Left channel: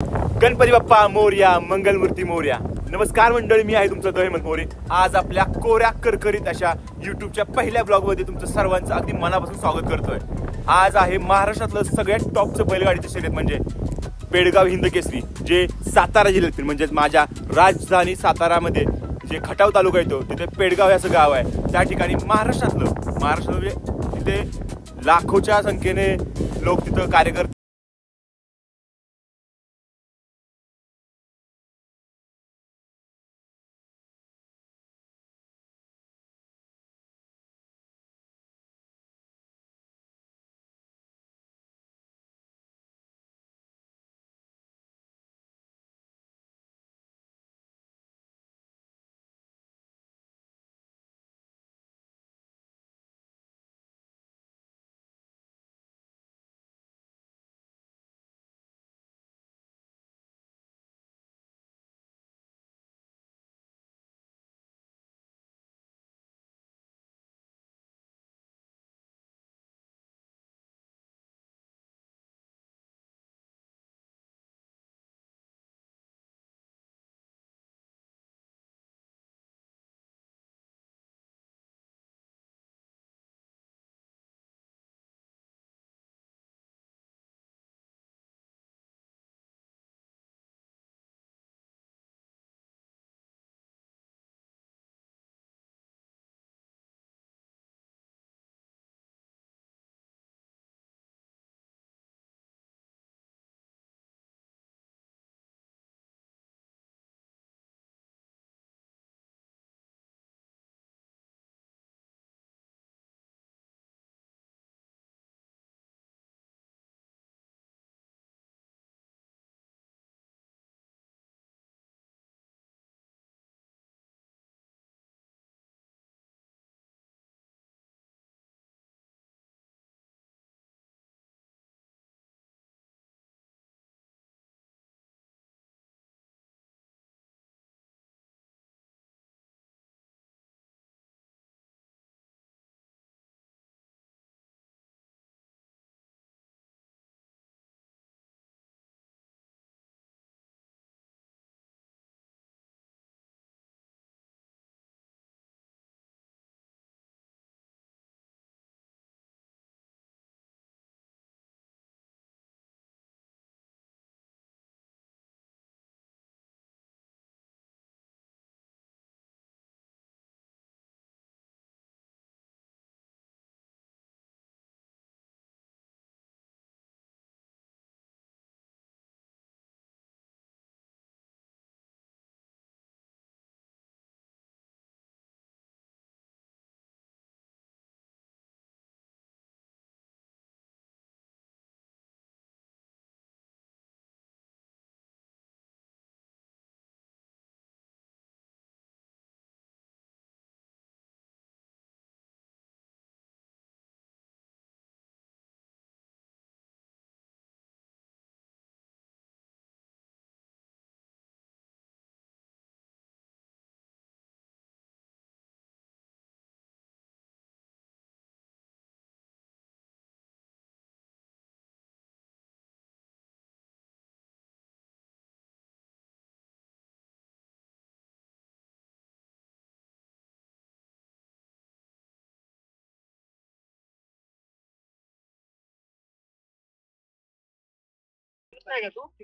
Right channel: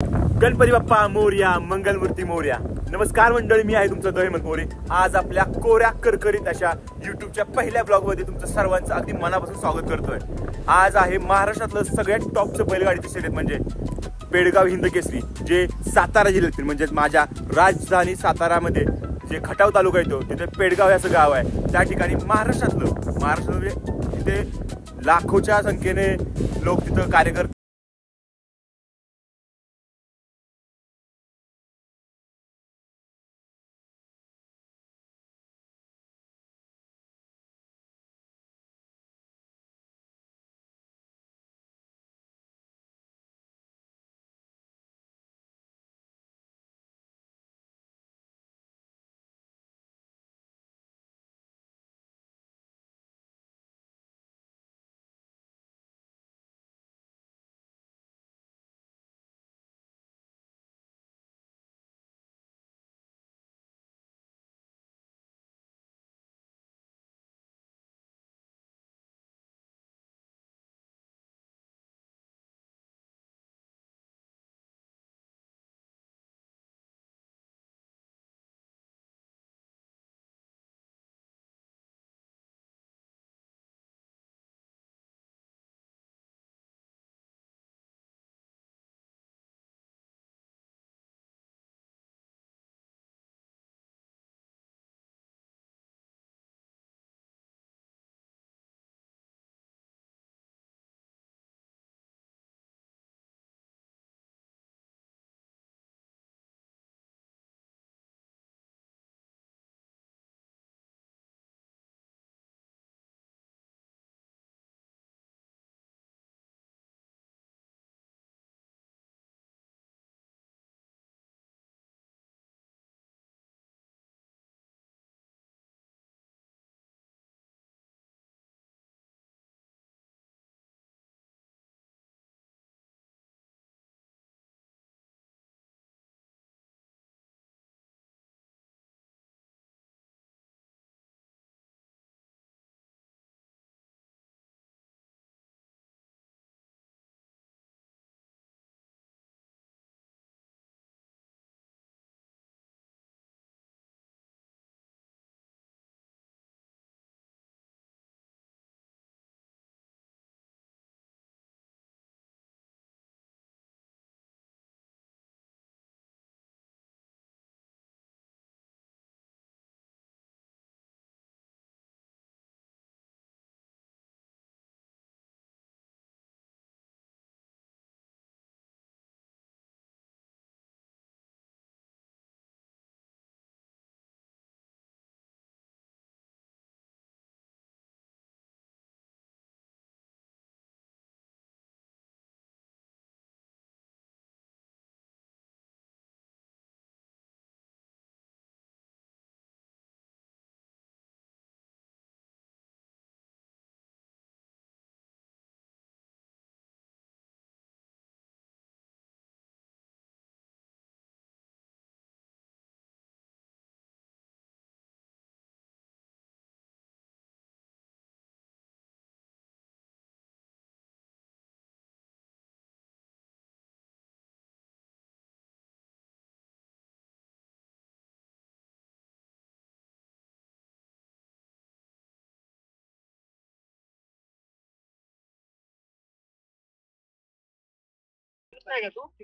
गणपती बाप्पा मोरया, मंगलमूर्ती मोरया. नमस्कार मंडळी, मी आहे तुमचा दहिमत मोरे. आज आपल्या कोऱ्या करकरीत अशा युट्यूबच्या पहिल्या ब्लॉग मध्ये तुमचं सर्वांचं अगदी मनापासून स्वागत करतोय. आज आहे महाराष्ट्रातलं सगळ्यात टॉपचं बैलगाडीचं शर्यत म्हणजे पेडगाव हिंद केसरी, जे सातारा जिल्ह्यातील म्हणजे माझ्या राजधानी सातारामध्ये जे खटाव तालुका येतो तिथे पेडगाव याचं गाव आहे. त्या ठिकाणी महाराष्ट्रात तिथे लाखोच्या संख्येने लोक तिथं कार्यकर्ते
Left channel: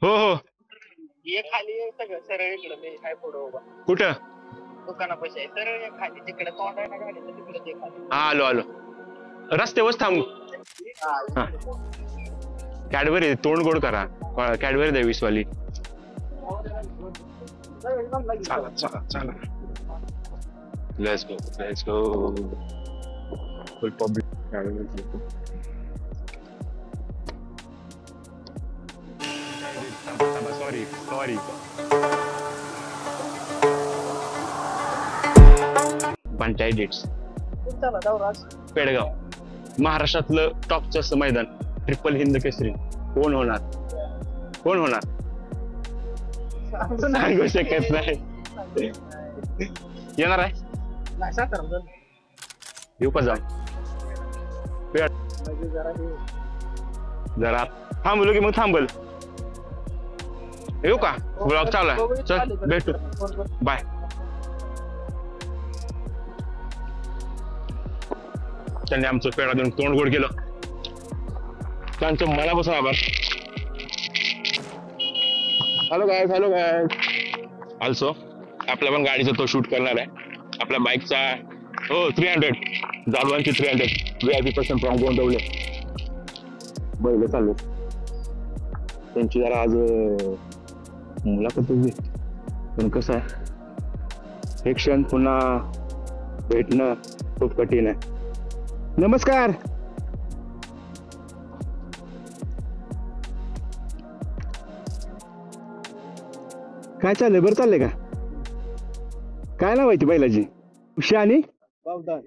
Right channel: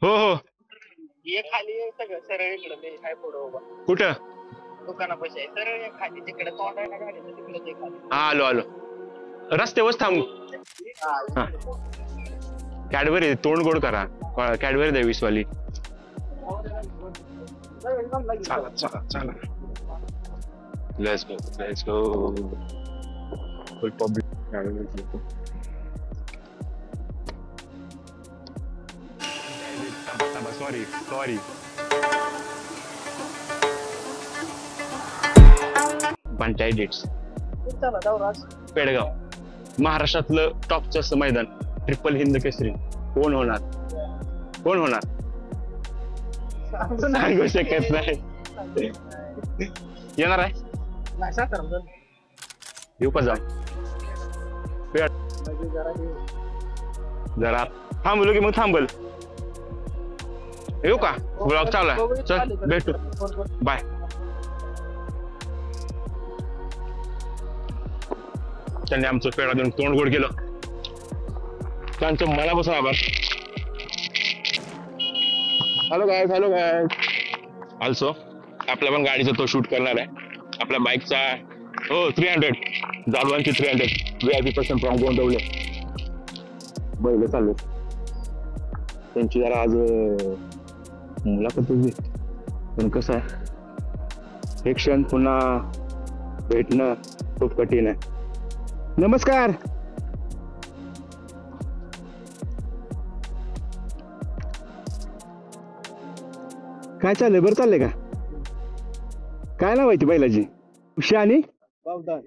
हो हो. ये खाली सगळं सरळ इकडं ते काय पुढं उभा कुठं? दुकानापाशी आहे सरळ ये खाली तिकडे तोंड आहे ना गाडीचं तिकडे ते खाली. हा आलो आलो. रस्त्यावर थांबू. कॅडबरी तोंड गोड करा. कॅडबरी द्या 20 वाली. चला चला चला. Let's go full public. Sorry panchayat that's Pedgaon महाराष्ट्रातलं टॉपचं असं मैदान ट्रिपल हिंद केसरी कोण होणार सांगू शकत नाही. येणार आहे येऊ का जाऊ जरा थांबलो की मग थांबल. येऊ का? ब्लॉग चालू आहे. चल भेटू. बाय. त्यांनी आमचं पेढा देऊन तोंड गोड केलं. त्यांचं मनापासून आभार. हॅलो गाय. ऑल्सो आपल्या पण गाडीचा तो शूट करणार आहे. आपल्या बाईकचा 300 जालवांची 300 VIP पर्सन फ्रॉम गोंदवले. बैल चालू त्यांची जरा आज मुलाखत होती. पण कसं आहे, हे क्षण पुन्हा भेटणं खूप कठीण आहे. नमस्कार. काय चाललंय? बरं चाललंय का? काय नाव आहे ती बैलाची? उषा आणि बावदान.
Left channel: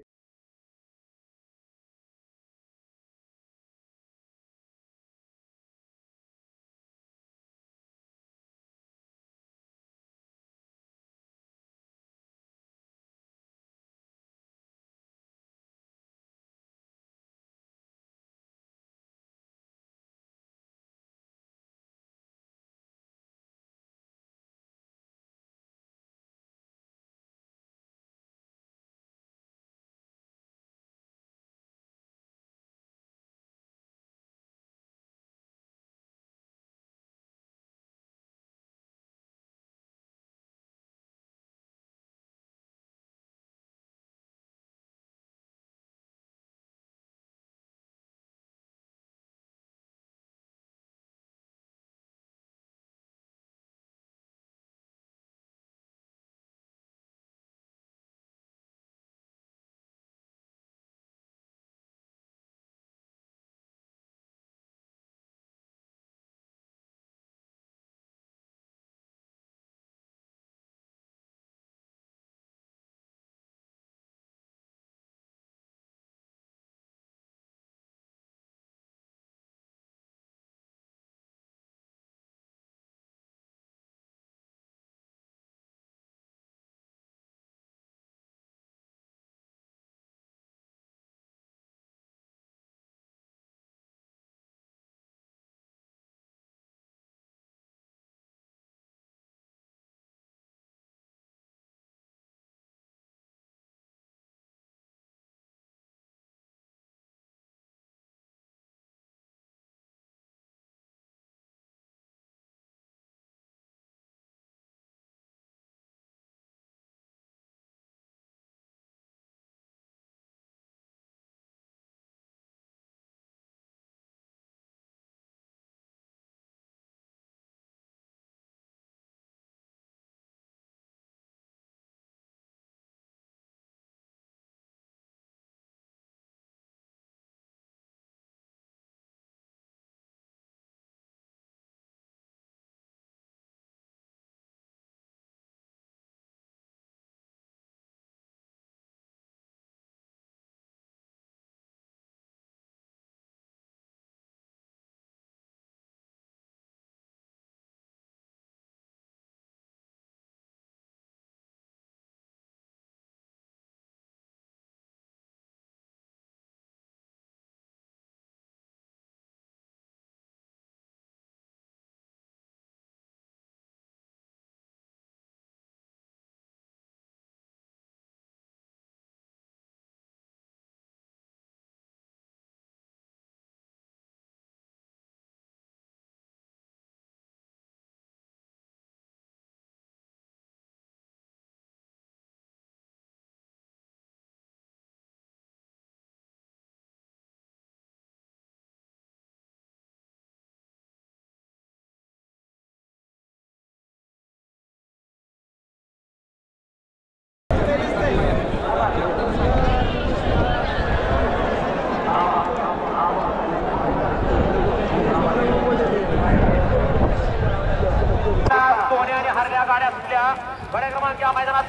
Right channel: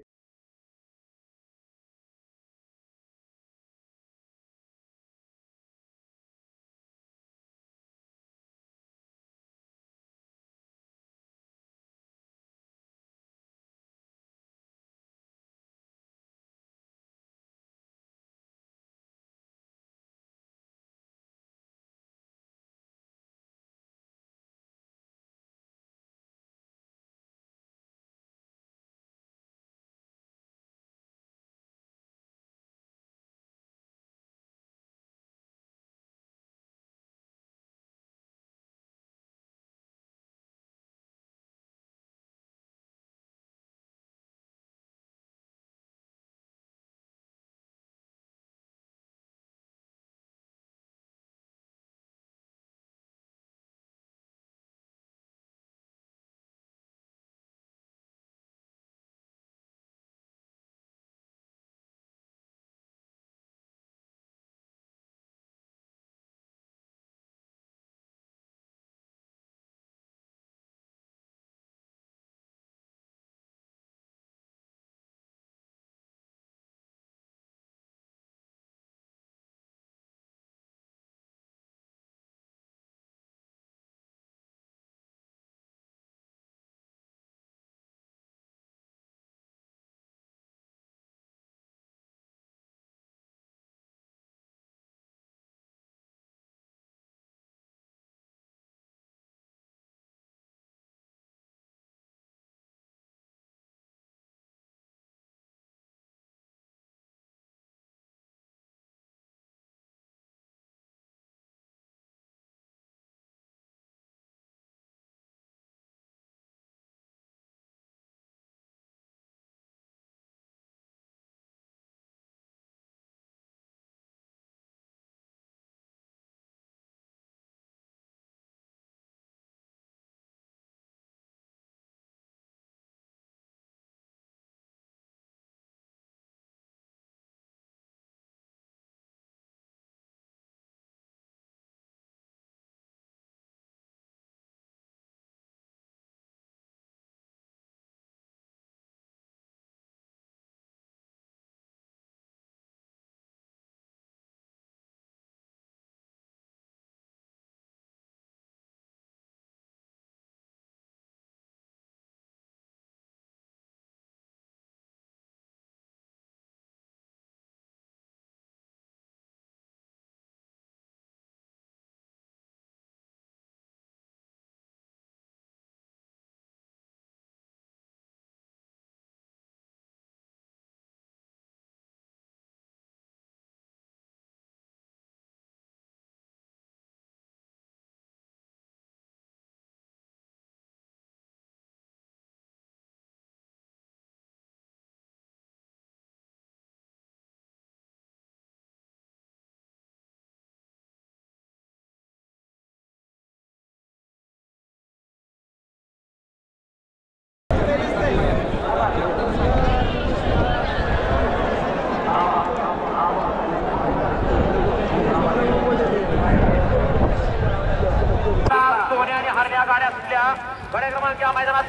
गड्या क्रमांक या मैदानात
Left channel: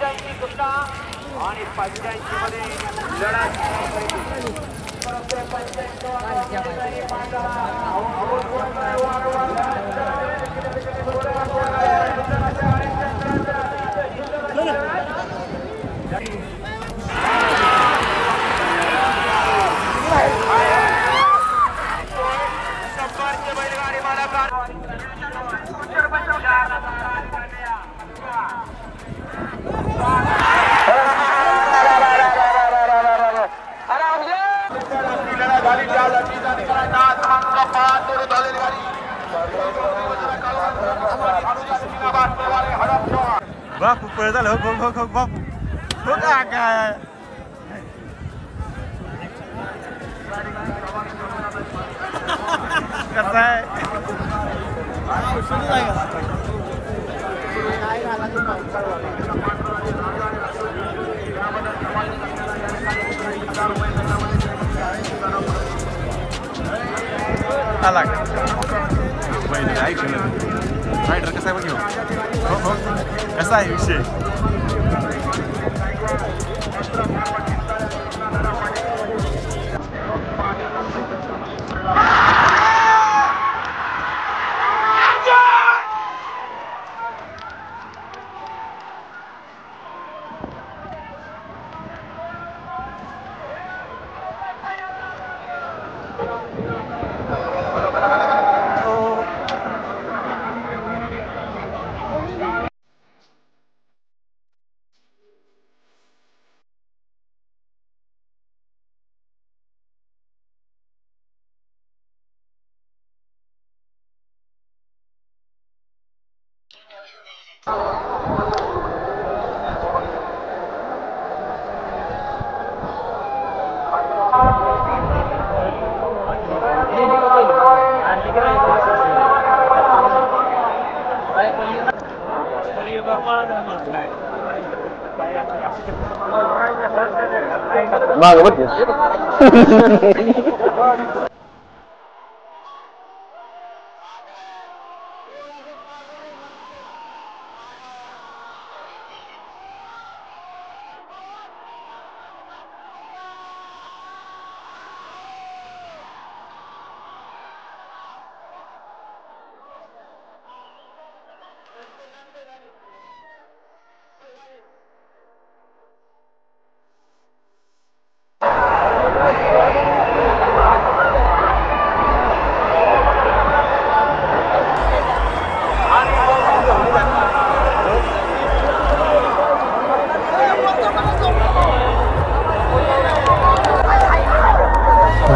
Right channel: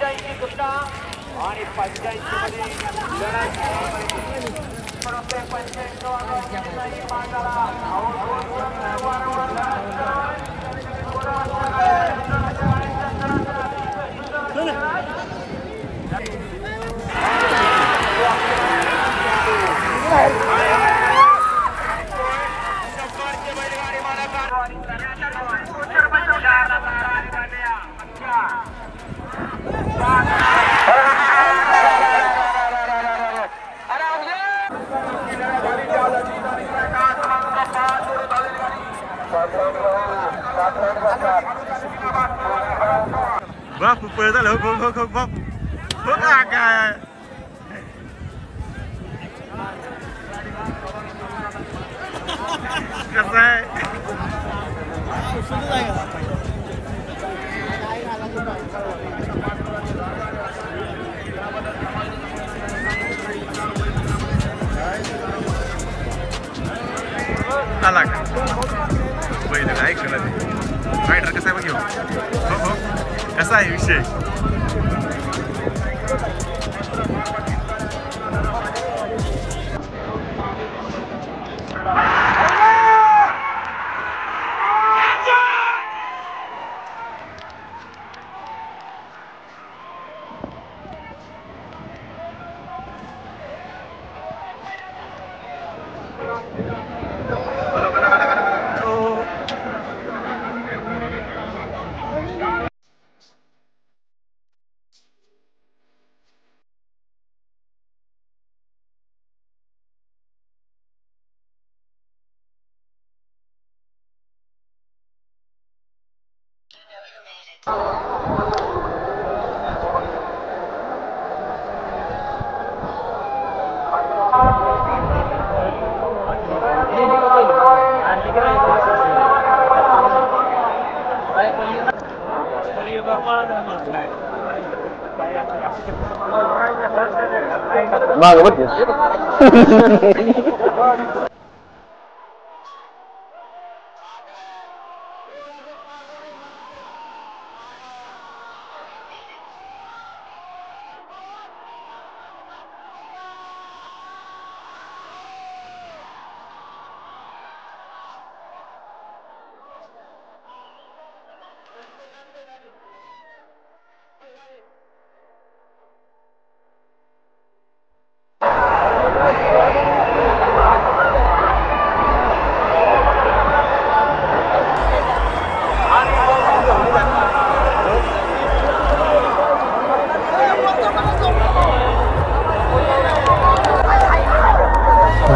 85 कुस्ता आणि 85 मध्ये बैलगाडी मालक बापू पळ झालं हो हो हो बापू हो का काय कसं आहे आला का पहिलं काय रायडर कसा आहे बघ घेऊ हो हो कसा आहे विषय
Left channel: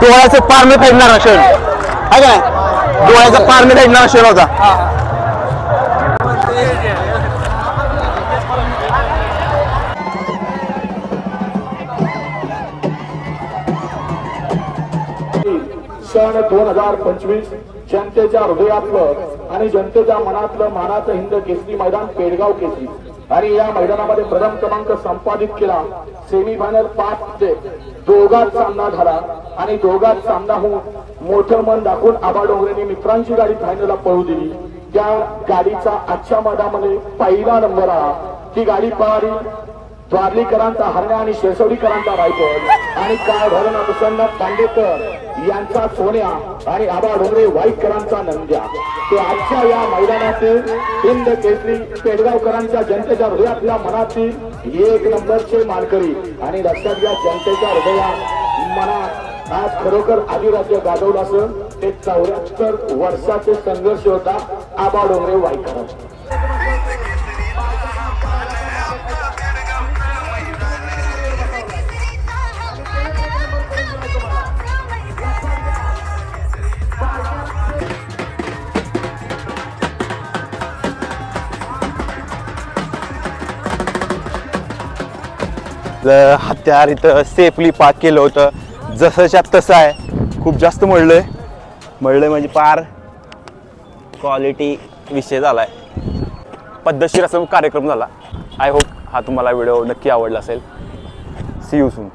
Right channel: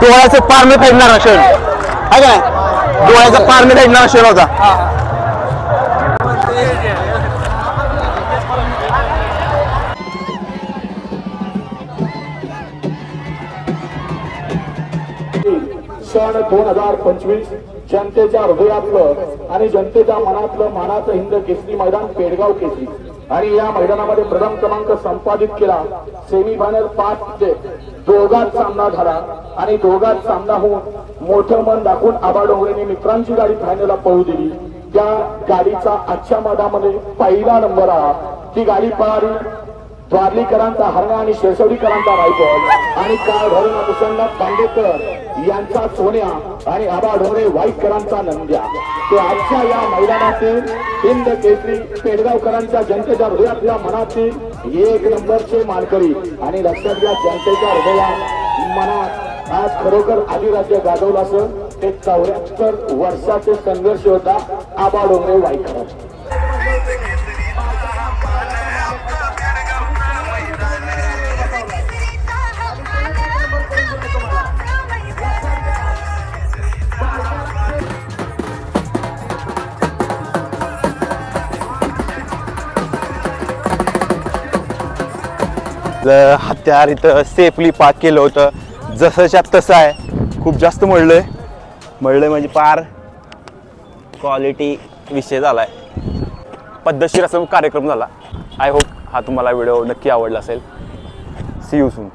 डोळ्याचं पार मी फेडणार क्षण आहे का नाही डोळ्याचा पार मी फेडणार क्षण होता सण 2025 जनतेच्या हृदयातलं आणि जनतेच्या मनातलं मानाचं हिंद केसरी मैदान पेडगाव केसरी आणि या मैदानामध्ये प्रथम क्रमांक संपादित केला सेमीफायनल 5 चे दोघात सामना झाला आणि दोघात सामना होऊन मोठं मन दाखवून आबा डोंगरेने मित्रांची गाडी फायनलला पळू दिली त्या गाडीचा आजच्या मैदानामध्ये पहिला नंबर आला ती गाडी पळाली द्वारलीकरांचा हरण्या आणि शेसवडीकरांचा रायफल आणि काय भरण अनुसंधान पांडेकर यांचा सोन्या आणि आबा डोंगरे वाईकरांचा नंद्या ते आजच्या या मैदानातील हिंद केसरी पेडगावकरांच्या जनतेच्या हृदयातल्या मनातील एक नंबरचे मानकरी आणि लक्षात घ्या जनतेच्या हृदयात मनात आज खरोखर अधिराज्य गाजवलं असं ते 74 वर्षाचे संघर्ष होता आबा डोंगरे वाईकर हत्यार इथं सेफली पार्क केलं होतं जसंच्या तसं आहे खूप जास्त मळलंय म्हणजे पार क्वालिटी विषय झाला आहे पद्धतशीर असा कार्यक्रम झाला आय होप हा तुम्हाला व्हिडिओ नक्की आवडला असेल सी यू सून